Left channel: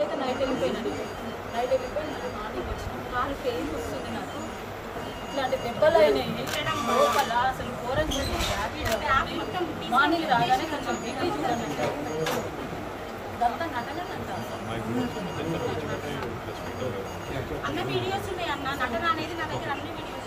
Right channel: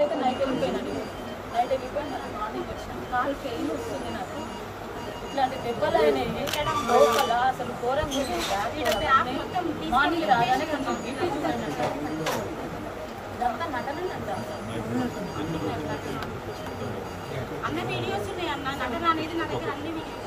Night వెళ్ళిపోయినాడు. Morning వచ్చిన కాలు పెయిన్ వస్తుంది నాకు. ఇట్లాంటి దెబ్బలు అయినాయి లోపల. అసలు ఘోరం మార్నింగ్ రాగానే కొంచెం బీపీ ఇదంతా నటనంట. అన్న వీడియోస్ ఉన్నాయి అన్న. నటన అనేది నా దగ్గర అన్ని వీడియోస్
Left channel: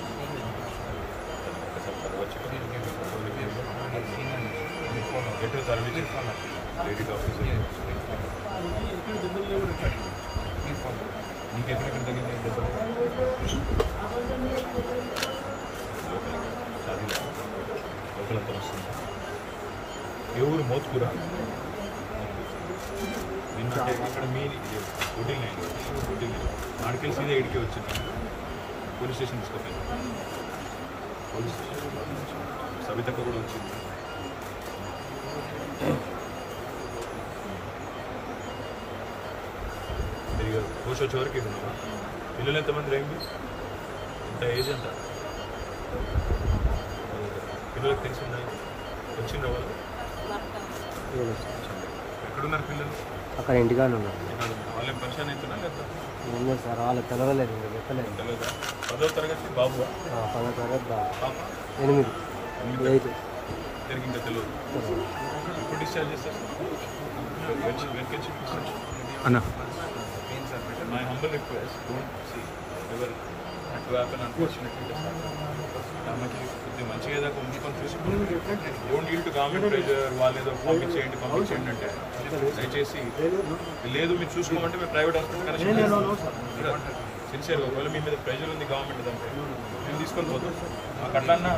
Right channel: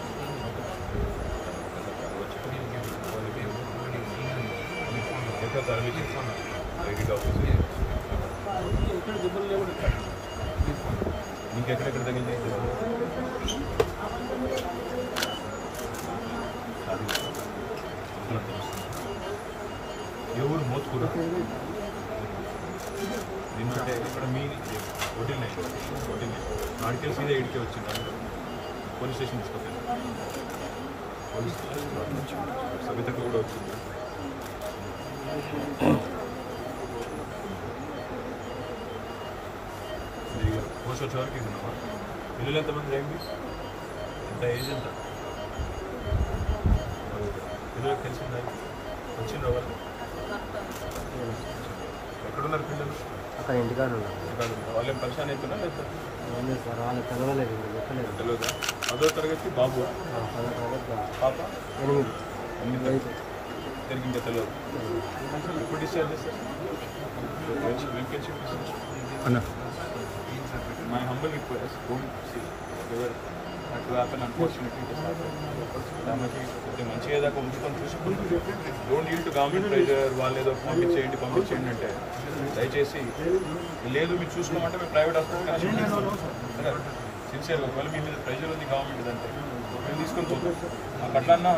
ఇంకెక్కడెక్కడ తగిలింది అది లోపలంతా వస్తుంది. ఏ ఊరు? మోత్కూర. నిన్నంటే ఇక్కడ మీ హోటల్ హోటల్ నాడికెళ్ళి సీదా ఇడికే వచ్చింది. పోలీస్ స్టేషన్ తీసుకెళ్ళి పోలీస్ స్టేషన్ సవితక్క కూడా వచ్చింది. పోస్ట్ వచ్చే వరకు ఉన్నామా? పిల్లలు ఎంతమంది రండి? అంత ఏజ్ అంట పిల్లలకు తెలిసిందా? వచ్చిందా వాళ్ళు? ఎక్కడున్నారు పిల్లలు? అక్కడ ఇంటికాడ ఉన్నారు. వాళ్ళు ఏం పరిశాన్ అవుతున్నారు లేదా? తెలియదా? 10వ తరగతి బాబు, పాప 8 తిరిగి ఇంకా తెలియదు. ఇప్పుడు డిశ్చార్జ్ చేస్తారు. వెనకెచ్చి అన్న My humble request, don't see ever that to happen unfortunately. ఆమెకి కొద్దిగా మంచిగా ఏదో ఉంచుకొని చూసుకుంటే don't deal to government pressure. వాళ్ళు ఏదో పంపించేయండి అంటే దయచేసి లేదు మీరు చూసుకోమంటే మేము ప్రైవేట్ హాస్పిటల్ కనెక్షన్ చేస్తాం సిన్సియర్గా. ఒకవేళ మీ మీద ప్రెషర్ ఉంది గవర్నమెంట్ అంటే మేము తీసుకొని పోతాం. మాకు అట్లన్నా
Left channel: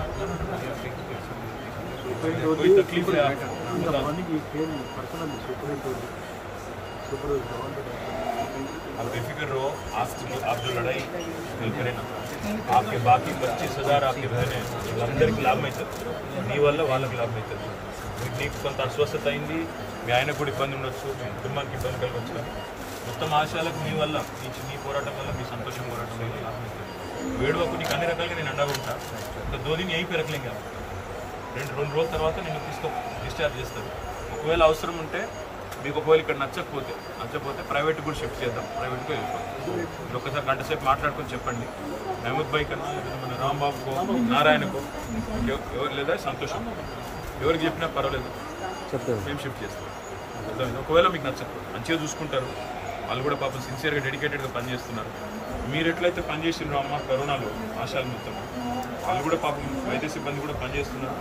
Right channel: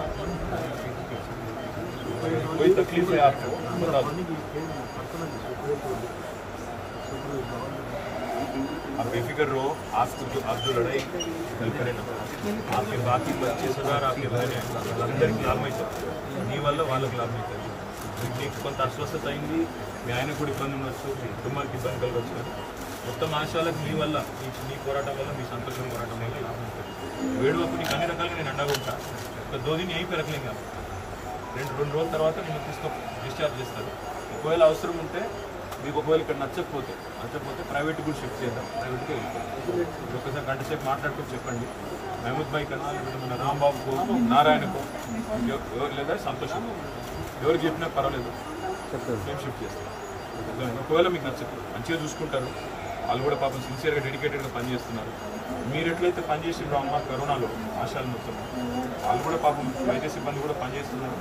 कोई तकलीफ है आपको बता दो. आप बेफिक्र रहो. आप जो लड़ाई करें ना, आपके बाकी 25,000 आपके बहने అందరికి లాభం అవుతుంది. మీ వల్ల వాళ్ళకి లాభం అవుతుంది. మీకు కొంత అస్వస్థత అయింది, మీ ఆయనకు కూడా ఇబ్బంది ఉండొచ్చు, మీ కుటుంబానికి ఇబ్బంది కలగవచ్చు. కానీ మొత్తం ఆశయాలకు మీ వల్ల మీ పోరాటం వల్ల, మీ సంతోషం పోరాటం వల్ల లాభం అవుతుంది. వేడువకు నీకు అన్ని రకాలుగా నేను అండగా ఉంటా. ఒక 2 दिन यहीं पे रख लेंगे. రెండు రోజుల తర్వాత నేను డిశ్చార్జ్ చేస్తాను. ఒకవేళ అవసరం ఉంటే మీకు ఒకవేళ ఇక్కడ నచ్చకపోతే ప్రైవేట్ కూడా షిఫ్ట్ చేద్దాం. ప్రైవేట్గా వెళ్ళిపోతాం. మీరు ఒకసారి గంట సేపు మాట్లాడుకొని చెప్పండి. మహమూద్ భాయ్ కన్నా లేకపోతే మన రాంబాబుకో, నారాయణకో, లేదా సంతోషం ఎవరికి చెప్పినా పర్వాలేదు, మేము షిఫ్ట్ చేస్తాం. ఒకవేళ మీకు నచ్చదు, మంచిగా చూసుకుంటారు. వాళ్ళు కూడా పాపం సిన్సియర్గా డెడికేటెడ్గా పనిచేస్తున్నారు. మీరు ఎట్లయితే పనిచేసినారో అమ్మ కరోనాలో ఆశాలు మొత్తం, వాళ్ళు కూడా పాపం వైద్య సిబ్బంది కూడా పనిచేస్తున్నారు.